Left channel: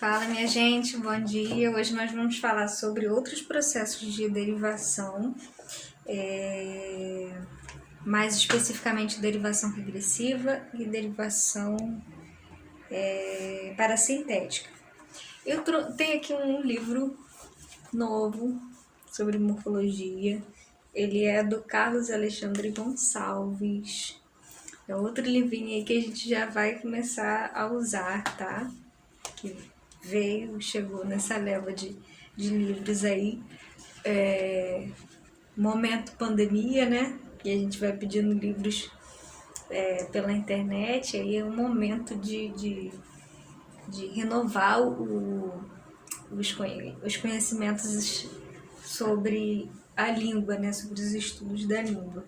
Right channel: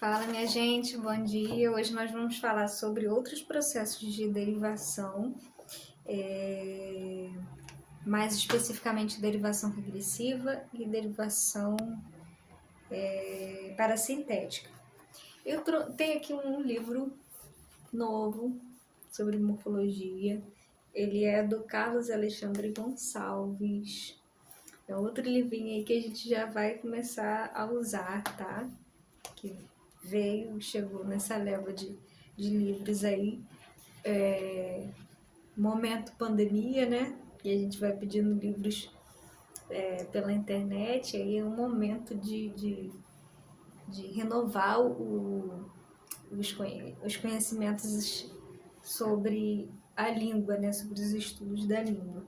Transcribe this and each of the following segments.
Fala, minha gente, bom dia. Hoje nós vamos falar sobre outros processos de derivação, mais especificamente derivação regressiva e derivação parasintética. Eu tenho aqui um livro novo sobre morfologia. Ele é do Carlos Alexandre Gonçalves. É outro livrinho aí que a gente já vai começar a usar, tá? Que chegou nessa leva de livros aí, momento pandemia, né? E a gente vai pedindo livros pela internet, aí é um momento de renovar os conhecimentos sobre a língua, né? Sobre os estudos da língua.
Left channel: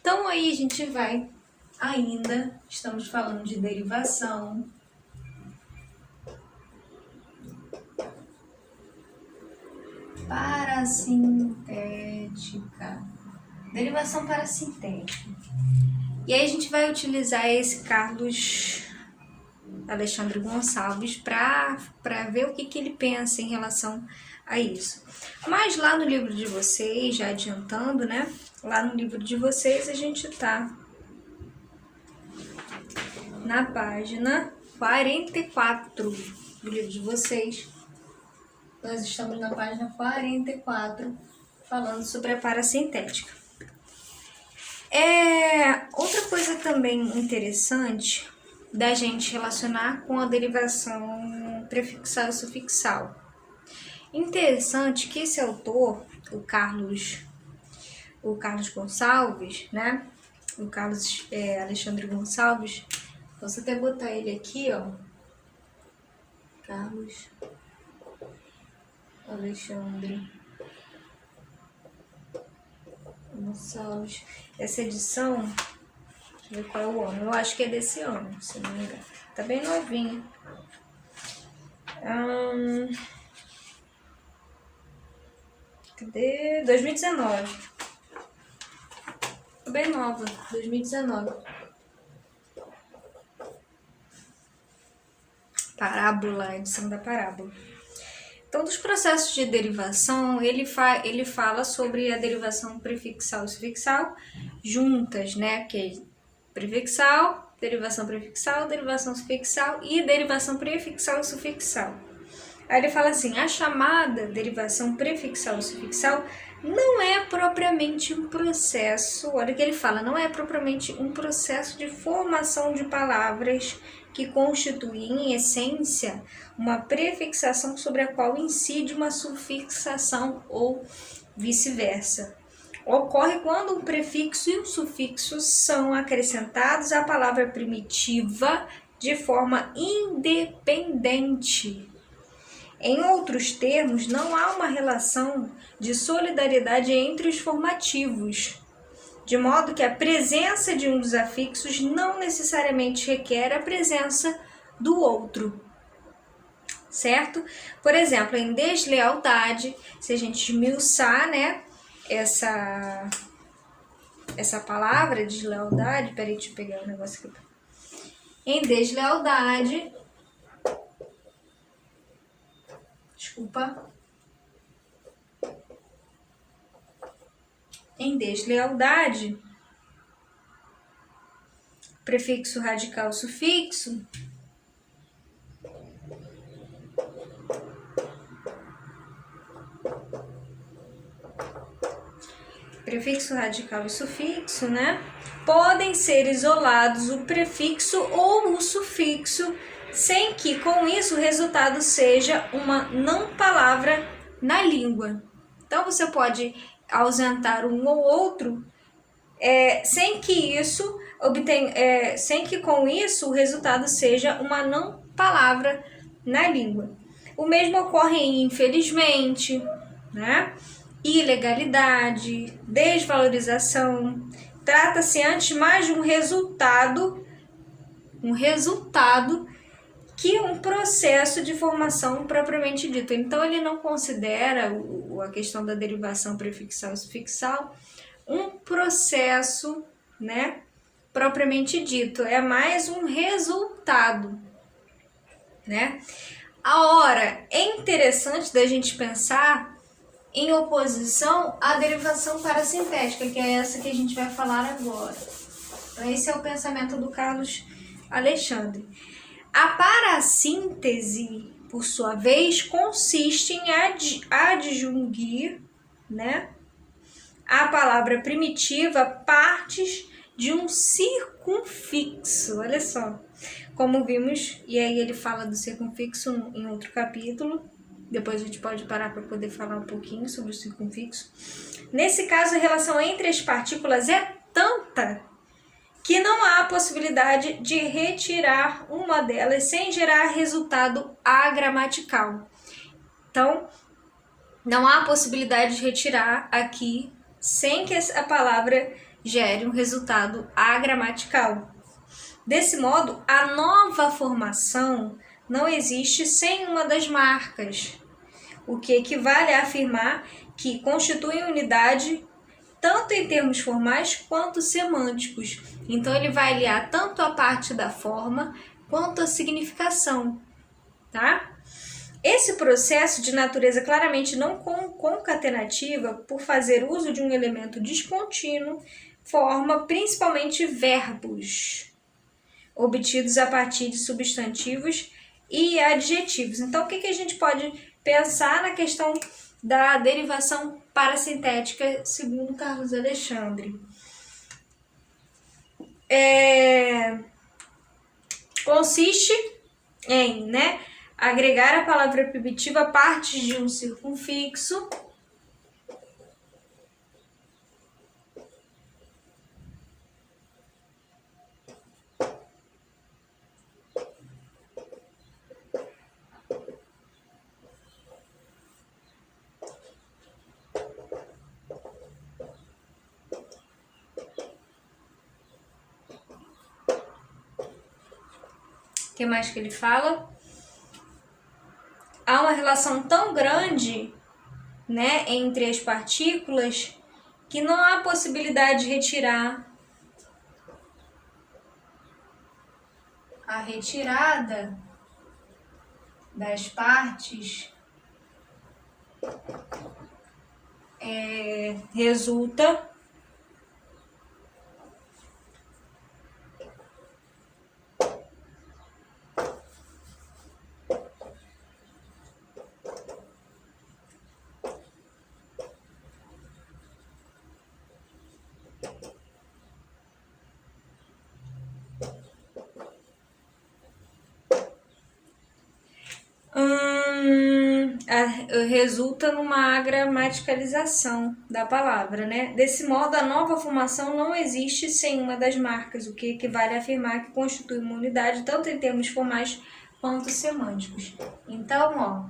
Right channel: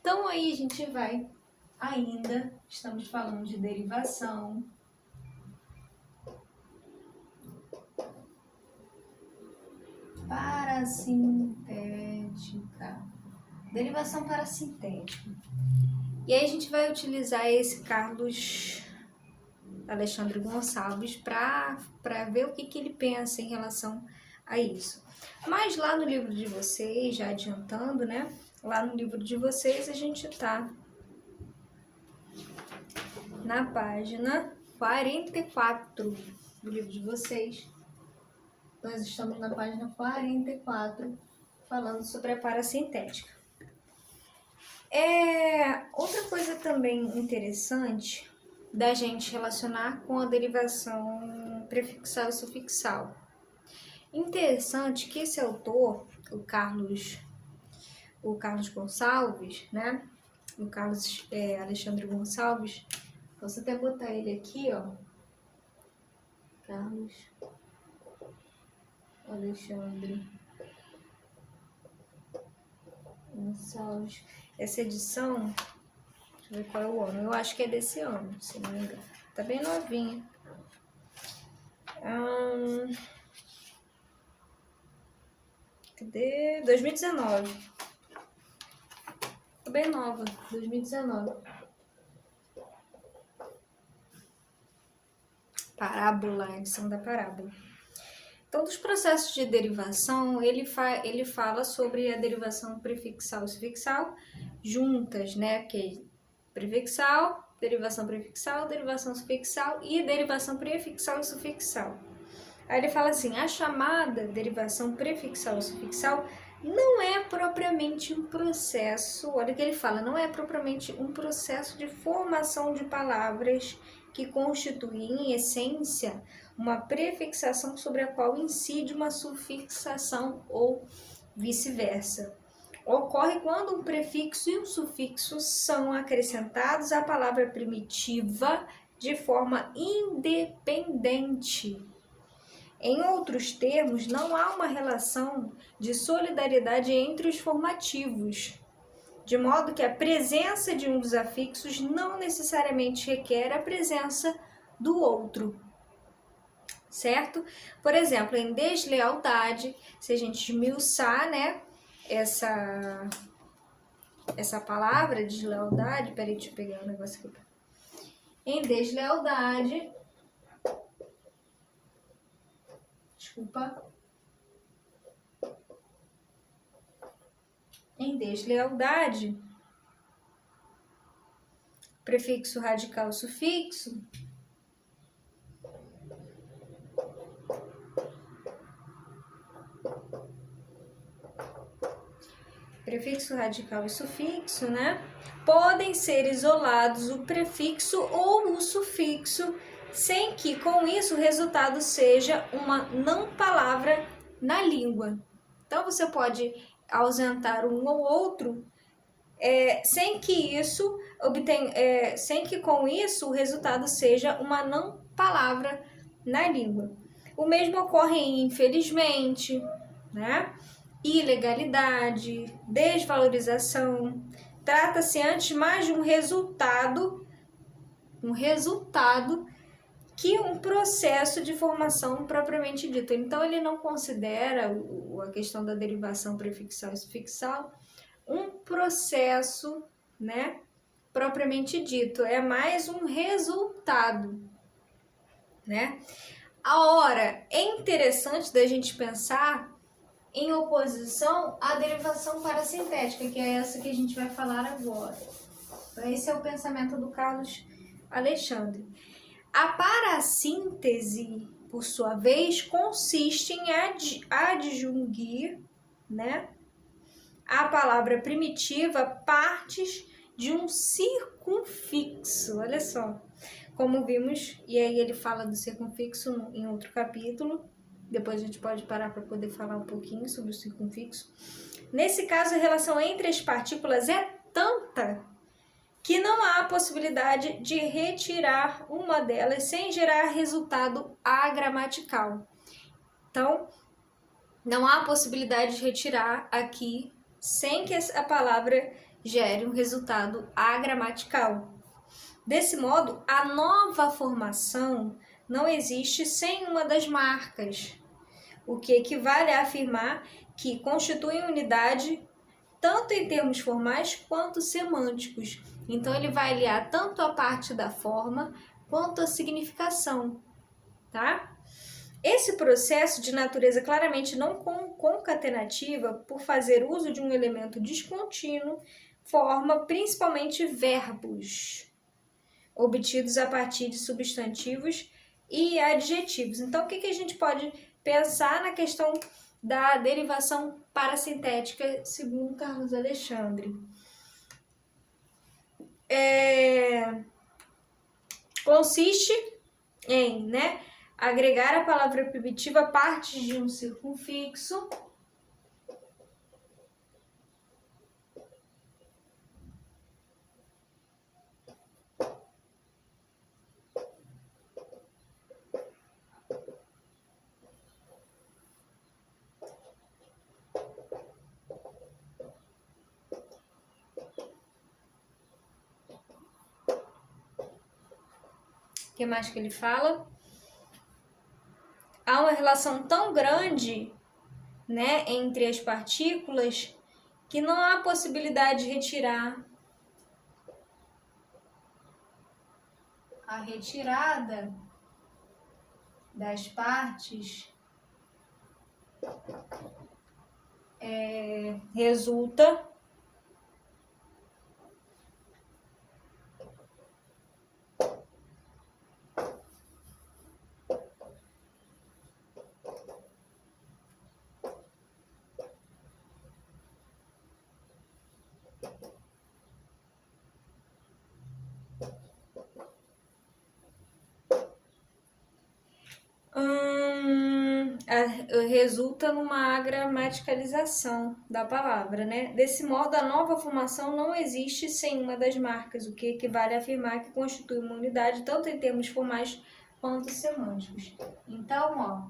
Então aí a gente vai estamos falando de derivação, parasintética. Derivação parasintética. E aí a gente vai utilizar esse Carlos Alexandre Gonçalves para ver o que ele pensa em relação a isso. Mas lá no livro de vocês, já adiantando, né? Lá no livro de vocês a gente tá na página 44 do livro de vocês. Nós estamos na página 44, falando sobre a parasintética. Outra coisa também interessante da gente relacionar com a derivação prefixal e sufixal. Interessante que esse autor, o Carlos Gonçalves, né? O Carlos Alexandre Gonçalves, posso até botar ele aqui, ó. Carlos Alexandre Gonçalves. Essa edição, deixa eu ver qual é o ano. Eu acho que é desse ano, se não me engano. Tá bem novinha. Cadê? 2019. Tá bem nova, 2019. Parábola, edição da parábola. Então, dos processos de derivação, ele fala sobre a derivação prefixal e sufixal juntas, né? Que é prefixal, derivação sufixal e derivação prefixal e sufixal. Aí ele fala assim, a chamada derivação prefixal e sufixal não é propriamente um processo, olha o que ele fala, não é propriamente um processo de formação de palavras que constitui, em essência, uma prefixação sobre a qual incide uma sufixação ou vice-versa. Ocorre quando um prefixo e um sufixo são acrescentados à palavra primitiva de forma independente. Em outros termos, não há uma relação de solidariedade entre os formativos, de modo que a presença de um dos afixos não necessariamente requer a presença do outro, certo? Por exemplo, em deslealdade, se a gente esmiuçar, né, essa palavra deslealdade, peraí, deixa eu pegar o negócio aqui. Em deslealdade, em deslealdade, prefixo radical sufixo, prefixo radical e sufixo, né? Podem ser isolados o prefixo ou o sufixo, sem que com isso o resultado seja uma não palavra na língua. Então você pode ausentar um ou outro, sem que com isso o resultado seja uma não palavra na língua. O mesmo ocorre em infelizmente, né? Ilegalidade, desvalorização. Trata-se antes mais de um resultado que um processo de formação propriamente dito. Então ele não considera a questão da derivação prefixal e sufixal um processo, né, propriamente dito, é mais um resultado, né? A hora é interessante da gente pensar em oposição à derivação parasintética, que é essa que a gente vai falar agora. Então, esse é o pensamento do Carlos Alexandre. A parassíntese, por sua vez, consiste em adjunir, né, a palavra primitiva partes de um circunfixo. Olha só, como vimos, e aí ele fala do circunfixo em outro capítulo. Depois a gente pode parar para poder falar um pouquinho sobre o circunfixo. Nesse caso, a relação entre as partículas é tanta que não há possibilidade de retirar uma delas sem gerar resultado agramatical. Então, não há possibilidade de retirar aqui sem que a palavra gere um resultado agramatical. Desse modo, a nova formação não existe sem uma das marcas, o que equivale a afirmar que constituem unidade tanto em termos formais quanto semânticos. Então, ele vai aliar tanto a parte da forma quanto a significação, tá? Esse processo de natureza claramente não concatenativa, por fazer uso de um elemento descontínuo, forma principalmente verbos, obtidos a partir de substantivos e adjetivos. Então, o que a gente pode pensar na questão da derivação parasintética, segundo Carlos Alexandre? Consiste em, né, agregar a palavra primitiva a partes de um circunfixo que mais que ele fala? Há uma relação tão grande, né, entre as partículas que não há possibilidade de retirar. A retirada das partes resulta resulta numa gramaticalização da palavra, né? Desse modo, a nova formação não existe sem uma das marcas, o que equivale a afirmar que constitui uma unidade tanto em termos formais quanto semânticos. Então, ó,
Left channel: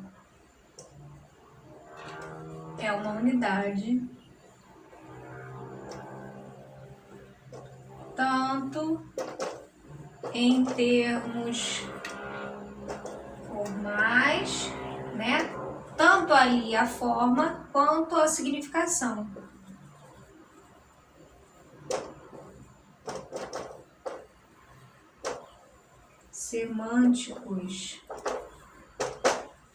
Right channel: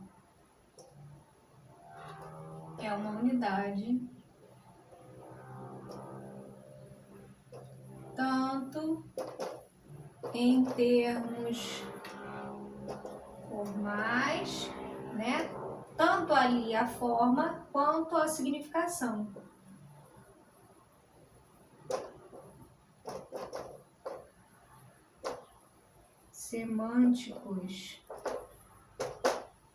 é uma unidade tanto em termos formais, né? Tanto ali a forma quanto a significação. Semânticos,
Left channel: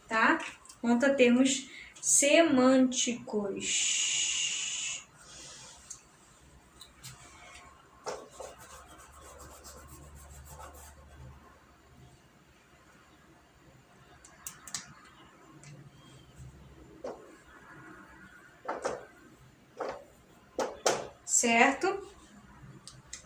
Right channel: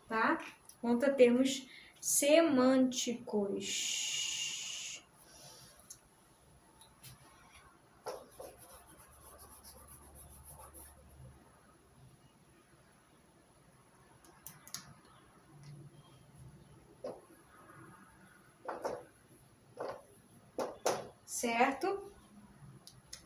tá? Quanto a termos semânticos. Certo?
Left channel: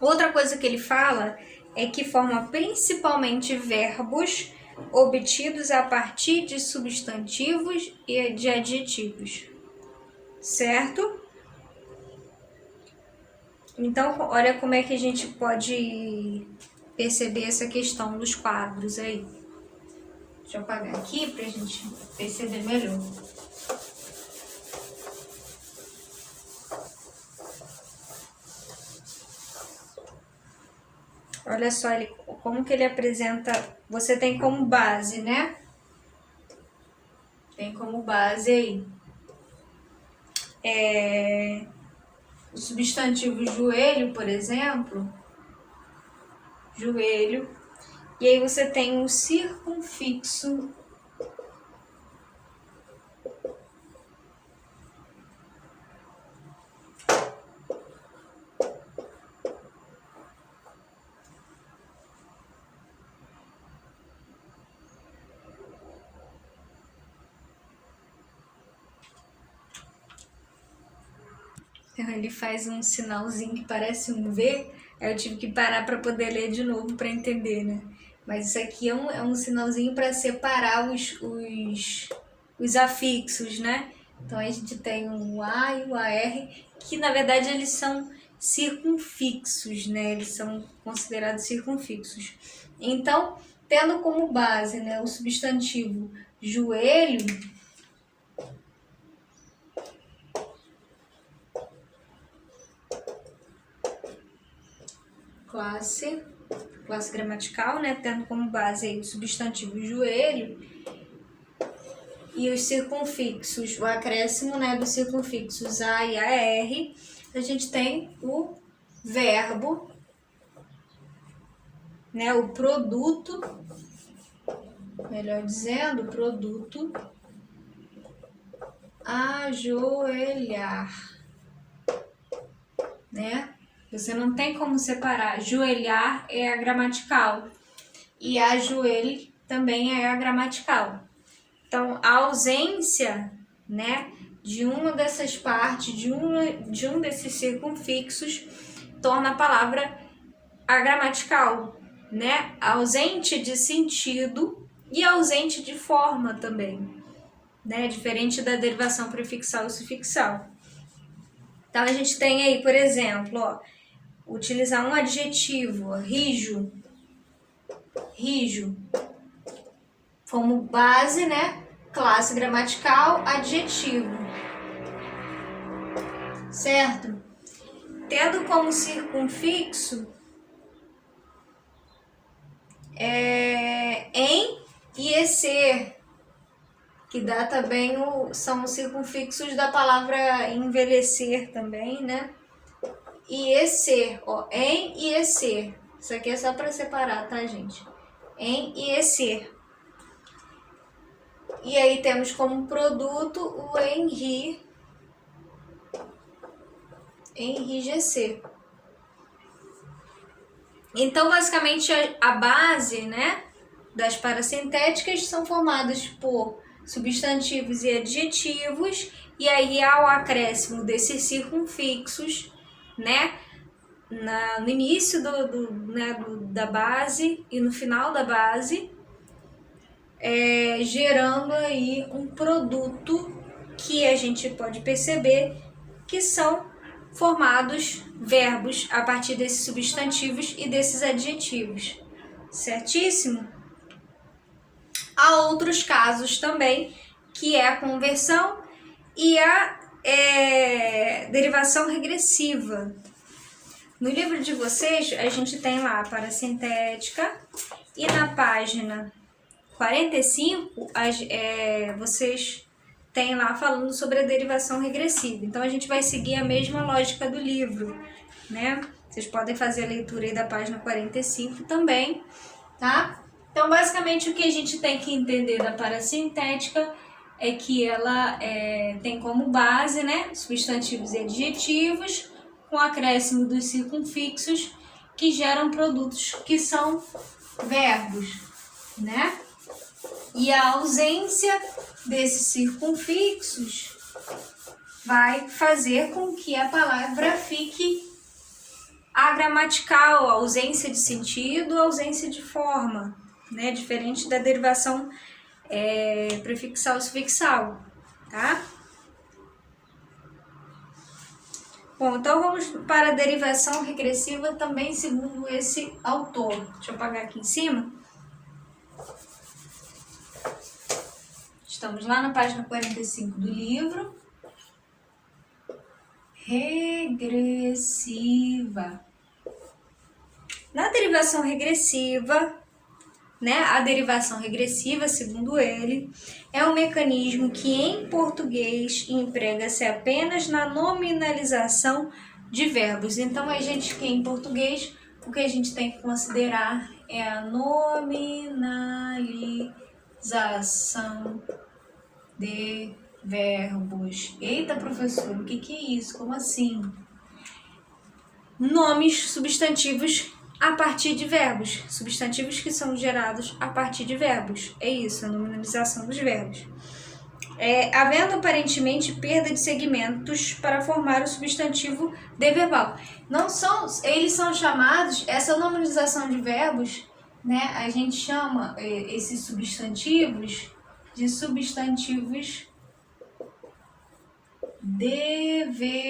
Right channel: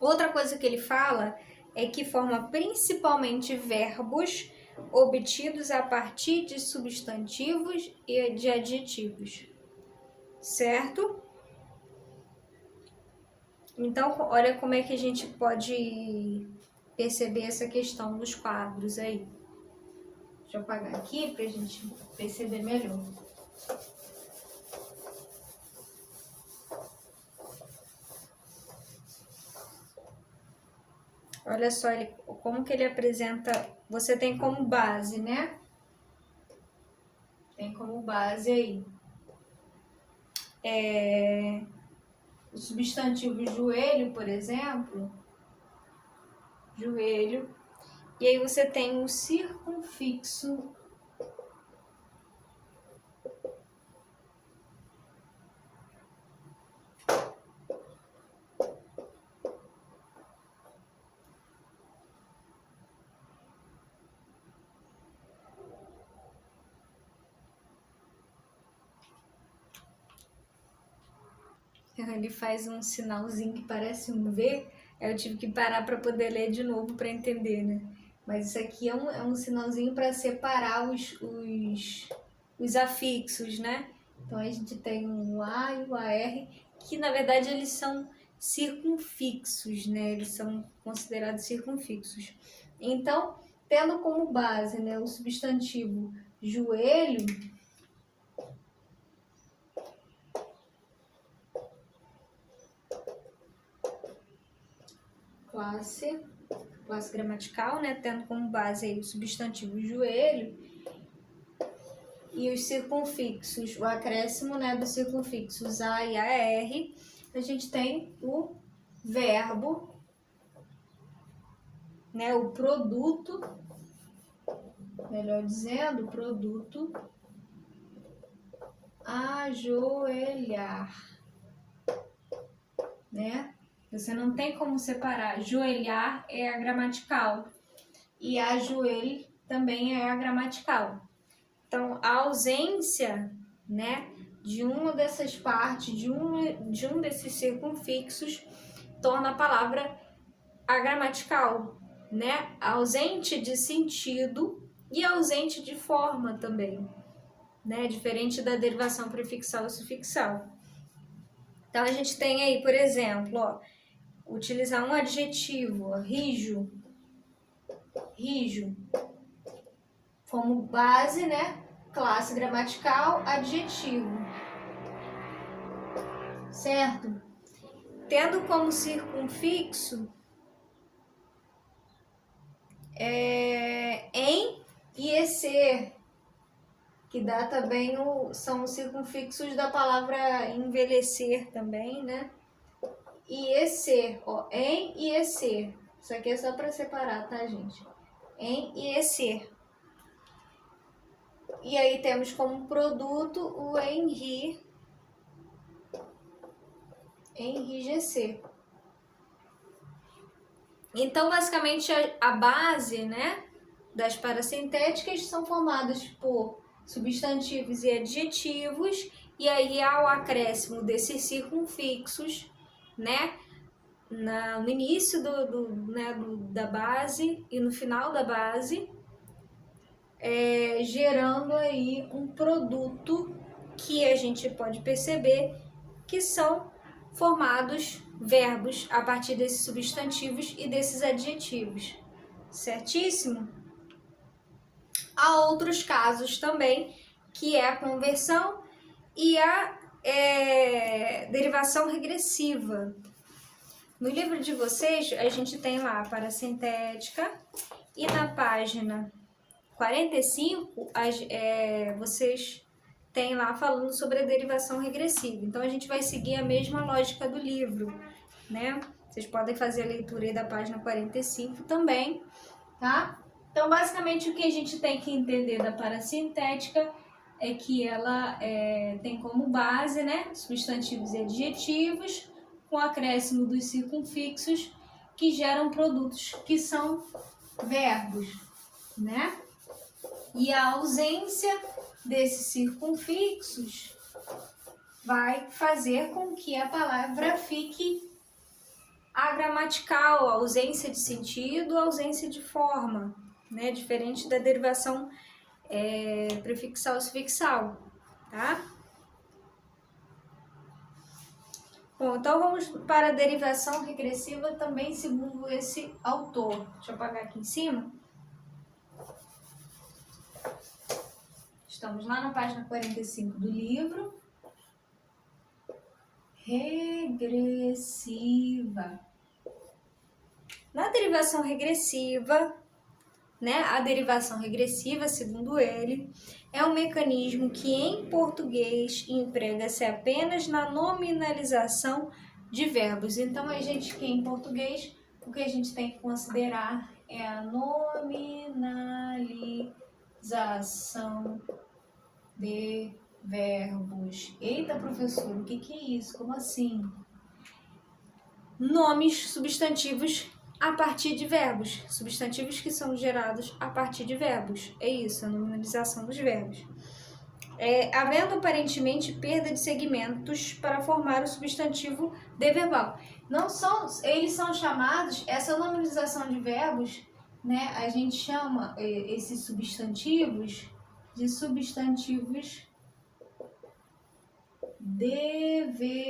Outra coisa que ele fala é que forma principalmente verbos obtidos a partir de substantivos e de adjetivos. Certo? Então, olha como é que a gente pode perceber essa questão dos quadros aí. Deixa eu apagar aqui para a gente perceber melhor. Olha só como que ele apresenta. Você tem como base, né? Tem como base aí o substantivo joelho, por exemplo. Joelho. E aí você tem o circunfixo Ele faz um sinalzinho que parece um V, aí eu tive que parar para poder ler de novo para entender, né? Mas isso aqui é um sinalzinho para separar os afixos, né? Então a gente tem um A e o AR, que na verdade eles são circunfixos, né? Eles são considerados circunfixos. Então, tendo como base, né, o substantivo joelho, classe gramatical, né, tendo como base aí o substantivo joelho e os circunfixos, o acréscimo, né, dos circunfixos A e AR, a gente tem o verbo, né, o produto, melhor dizendo, o produto ajoelhar, né? Você não tem como separar. Joelhar é a gramatical e ajoelho também é a gramatical. Então, a ausência, né, de uma dessas partes, de um desses circunfixos, torna a palavra agramatical, né? Ausente de sentido e ausente de forma também, né? Diferente da derivação prefixal e sufixal. Então, a gente tem aí, por exemplo, ó, utilizar um adjetivo, ó, rijo, como base, né? Classe gramatical, adjetivo, certo? Tendo como circunfixo em e esse, que dá também são os circunfixos da palavra envelhecer também, né? E esse, ó, em e esse. Isso aqui é só para separar, tá, gente? Em e esse. E aí temos como produto o enrijecer. Então, basicamente, a base, né, das parasintéticas são formadas por substantivos e adjetivos, e aí ao acréscimo desses circunfixos, né, no início da base e no final da base, gerando aí um produto que a gente pode perceber que são formados verbos a partir desses substantivos e desses adjetivos, certíssimo? Há outros casos também, que é a conversão e a derivação regressiva. No livro de vocês, a gente tem lá a parasintética e na página 45, vocês têm lá falando sobre a derivação regressiva. Então, a gente vai seguir a mesma lógica do livro, né? Vocês podem fazer a leitura aí da página 45 também, tá? Então, basicamente, o que a gente tem que entender da parasintética é que ela tem como base, né, substantivos e adjetivos, com acréscimo dos circunfixos, que geram produtos que são verbos, né? E a ausência desses circunfixos vai fazer com que a palavra fique agramatical, ausência de sentido, ausência de forma, né? Diferente da derivação prefixal e sufixal, tá? Bom, então vamos para a derivação regressiva também segundo esse autor. Deixa eu apagar aqui em cima. Estamos lá na página 45 do livro. Regressiva. Na derivação regressiva, né, a derivação regressiva, segundo ele, é um mecanismo que em português emprega-se apenas na nominalização de verbos. Então, a gente que em português, o que a gente tem que considerar é a nominalização de verbos. Eita, professor, o que é isso? Como assim? Nomes substantivos a partir de verbos. Substantivos que são gerados a partir de verbos. É isso, a nominalização dos verbos. havendo aparentemente perda de segmentos para formar o substantivo de verbal. Não são, eles são chamados, essa nominalização de verbos, né? A gente chama esses substantivos de substantivos deverbais.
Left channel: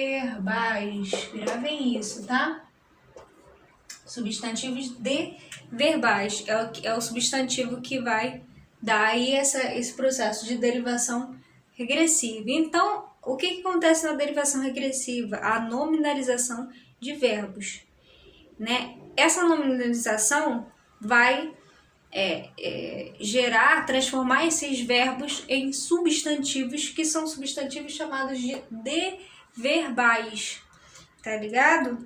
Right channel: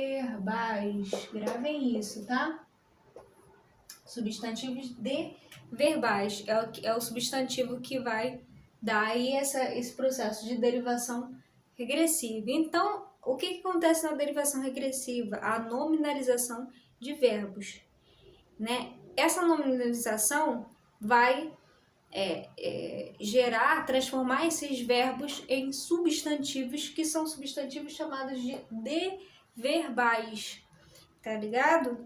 Gravem isso, tá? Substantivos deverbais é o substantivo que vai dar aí esse processo de derivação regressiva. Então, o que acontece na derivação regressiva? A nominalização de verbos, né? Essa nominalização vai transformar esses verbos em substantivos, que são substantivos chamados de deverbais, tá ligado?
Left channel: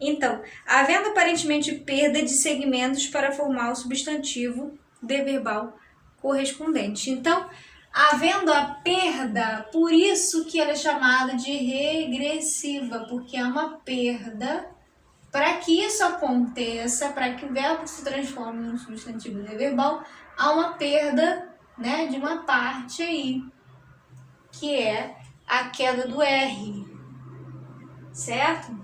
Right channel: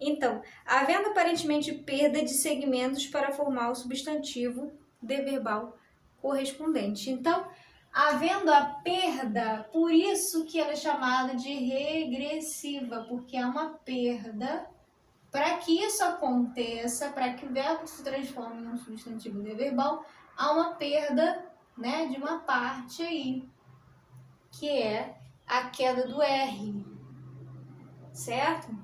Então, havendo aparentemente perda de segmentos para formar o substantivo deverbal correspondente. Então, havendo a perda, por isso que ela é chamada de regressiva, porque é uma perda. Para que isso aconteça, para que o verbo se transforme num substantivo deverbal, há uma perda, né, de uma parte aí, que é a queda do R, certo?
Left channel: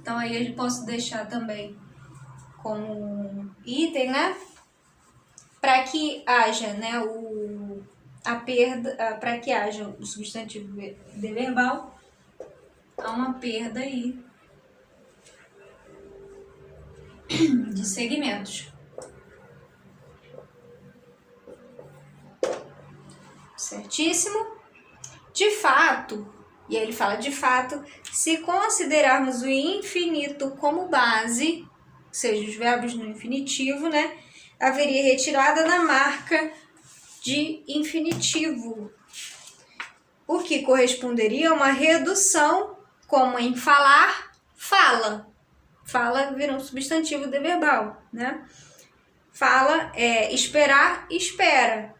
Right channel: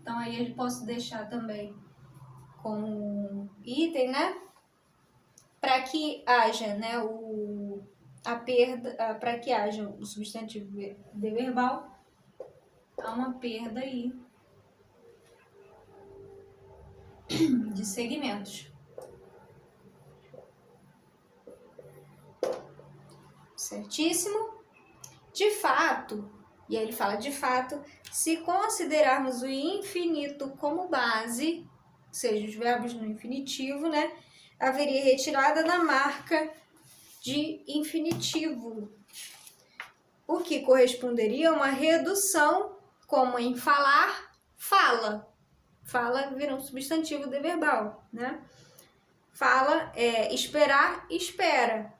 Então aí eu posso deixar também como item, né? Para que haja, né, a perda, para que haja o substantivo deverbal, há uma perda aí de segmentos. Certíssimo? De fato, e ele fala de fato, se considerarmos o infinito como base, ou seja, os verbos no infinitivo, né, haveria retirada da marca de infinitivo, o que corresponderia a uma redução, como em falar, fala. Fala vira um substantivo deverbal, né? Fala esperar, espera.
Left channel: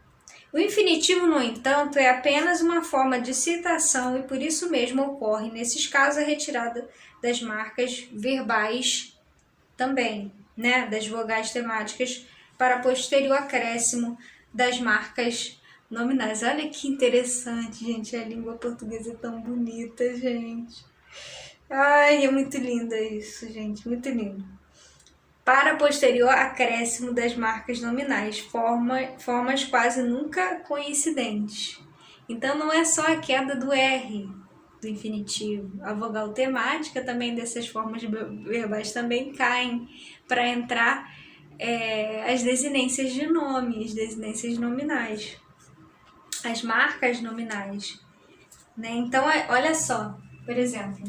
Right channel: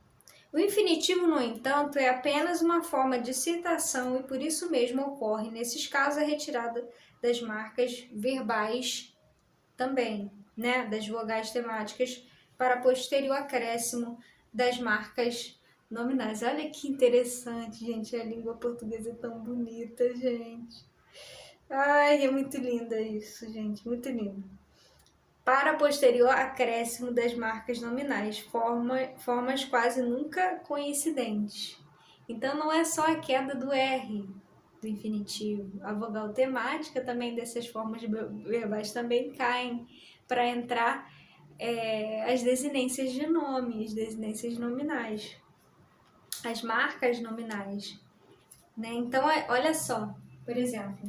O infinitivo, no entanto, é apenas uma forma de citação e por isso mesmo ocorre, nesses casos, a retirada das marcas verbais também, né? Das vogais temáticas para posterior acréscimo das marcas nominais. Olha que interessante, gente. A língua portuguesa é tão bonita, gente. Ai, é muito lindo isso, gente. Muito lindo. Para posterior acréscimo das marcas nominais, formas quase nunca coincidentes. Então, não é só a queda do R do infinitivo. A vogal temática também dessas formas verbais também caem para entrar as desinências de nome, as desinências nominais, as marcas nominais. Né? Então, olha só, por exemplo,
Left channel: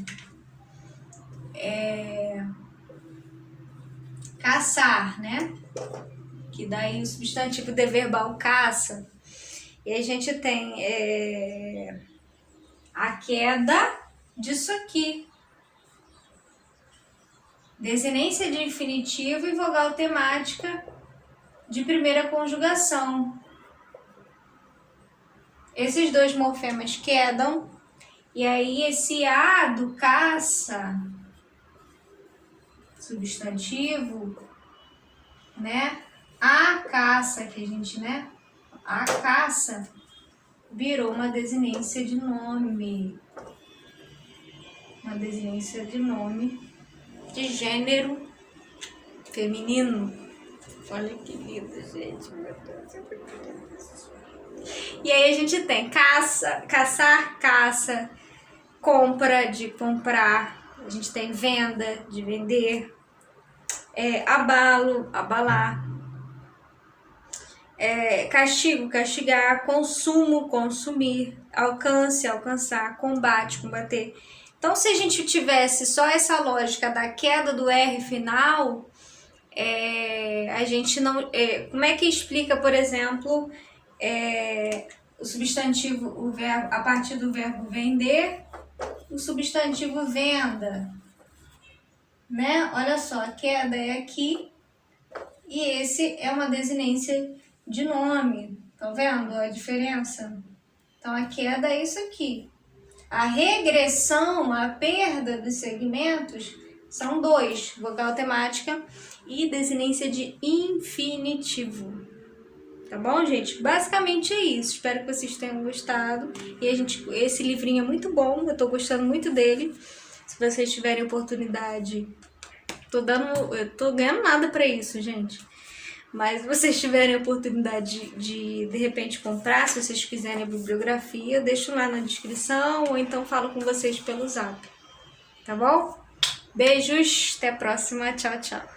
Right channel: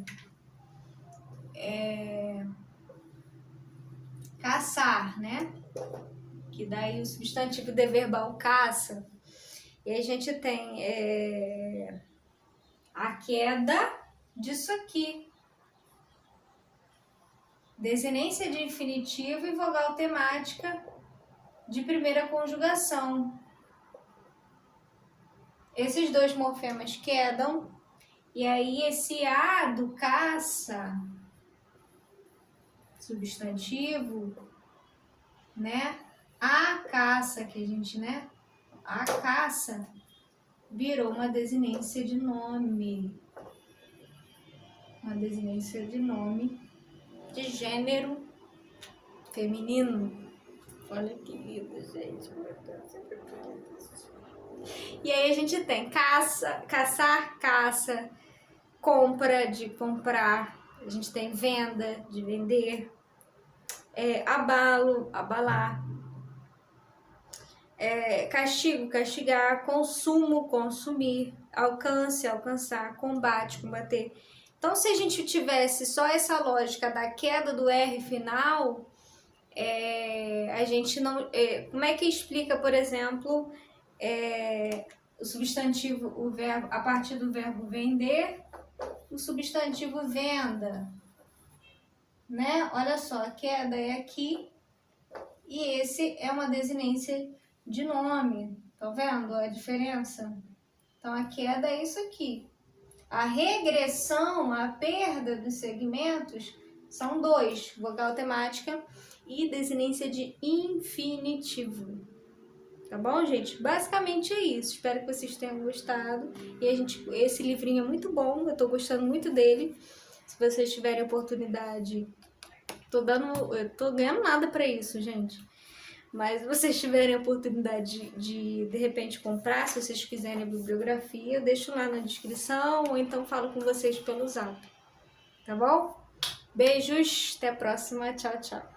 caçar, né? Que daí o substantivo deverbal caça. E a gente tem a queda disso aqui. Desinência de infinitivo e vogal temática de primeira conjugação. Esses dois morfemas quedam. E aí esse A do caça, substantivo, né? A caça, que a gente, né? A caça virou uma desinência de nome. Uma desinência de nome de gênero feminino. Olha que lindo, gente. E aí a gente tem caça, caçar, caça, compra, de comprar. A gente tem venda, de vender. Abalo, abalar. Castigo, castigar. Consumo, consumir. Alcance, alcançar. Combate, combater. Então, se a gente tivesse só essa lógica da queda do R final, a gente não... como é que explica, por exemplo, o substantivo, o verbo, a partir do verbo vender, o substantivo venda, né? Olha só, a queda é aqui e esse é uma desinência de nome. Tá vendo a diferença? Então, a queda é isso aqui. A regressão, a perda dos segmentos, são dois, vogal temática e desinência de infinitivo. Tá bom, gente? Basicamente é isso. Espero que vocês tenham gostado. E esse livrinho é muito bom, eu tô gostando muito dele. Se vocês tiverem oportunidade, eu tô ganhando nada pra isso, gente. Mas se vocês tiverem oportunidade de repente comprar, se vocês quiserem a bibliografia, eu deixo lá na descrição ou então falo com vocês pelo zap. Tá bom? Beijos, até a próxima. Tchau, tchau.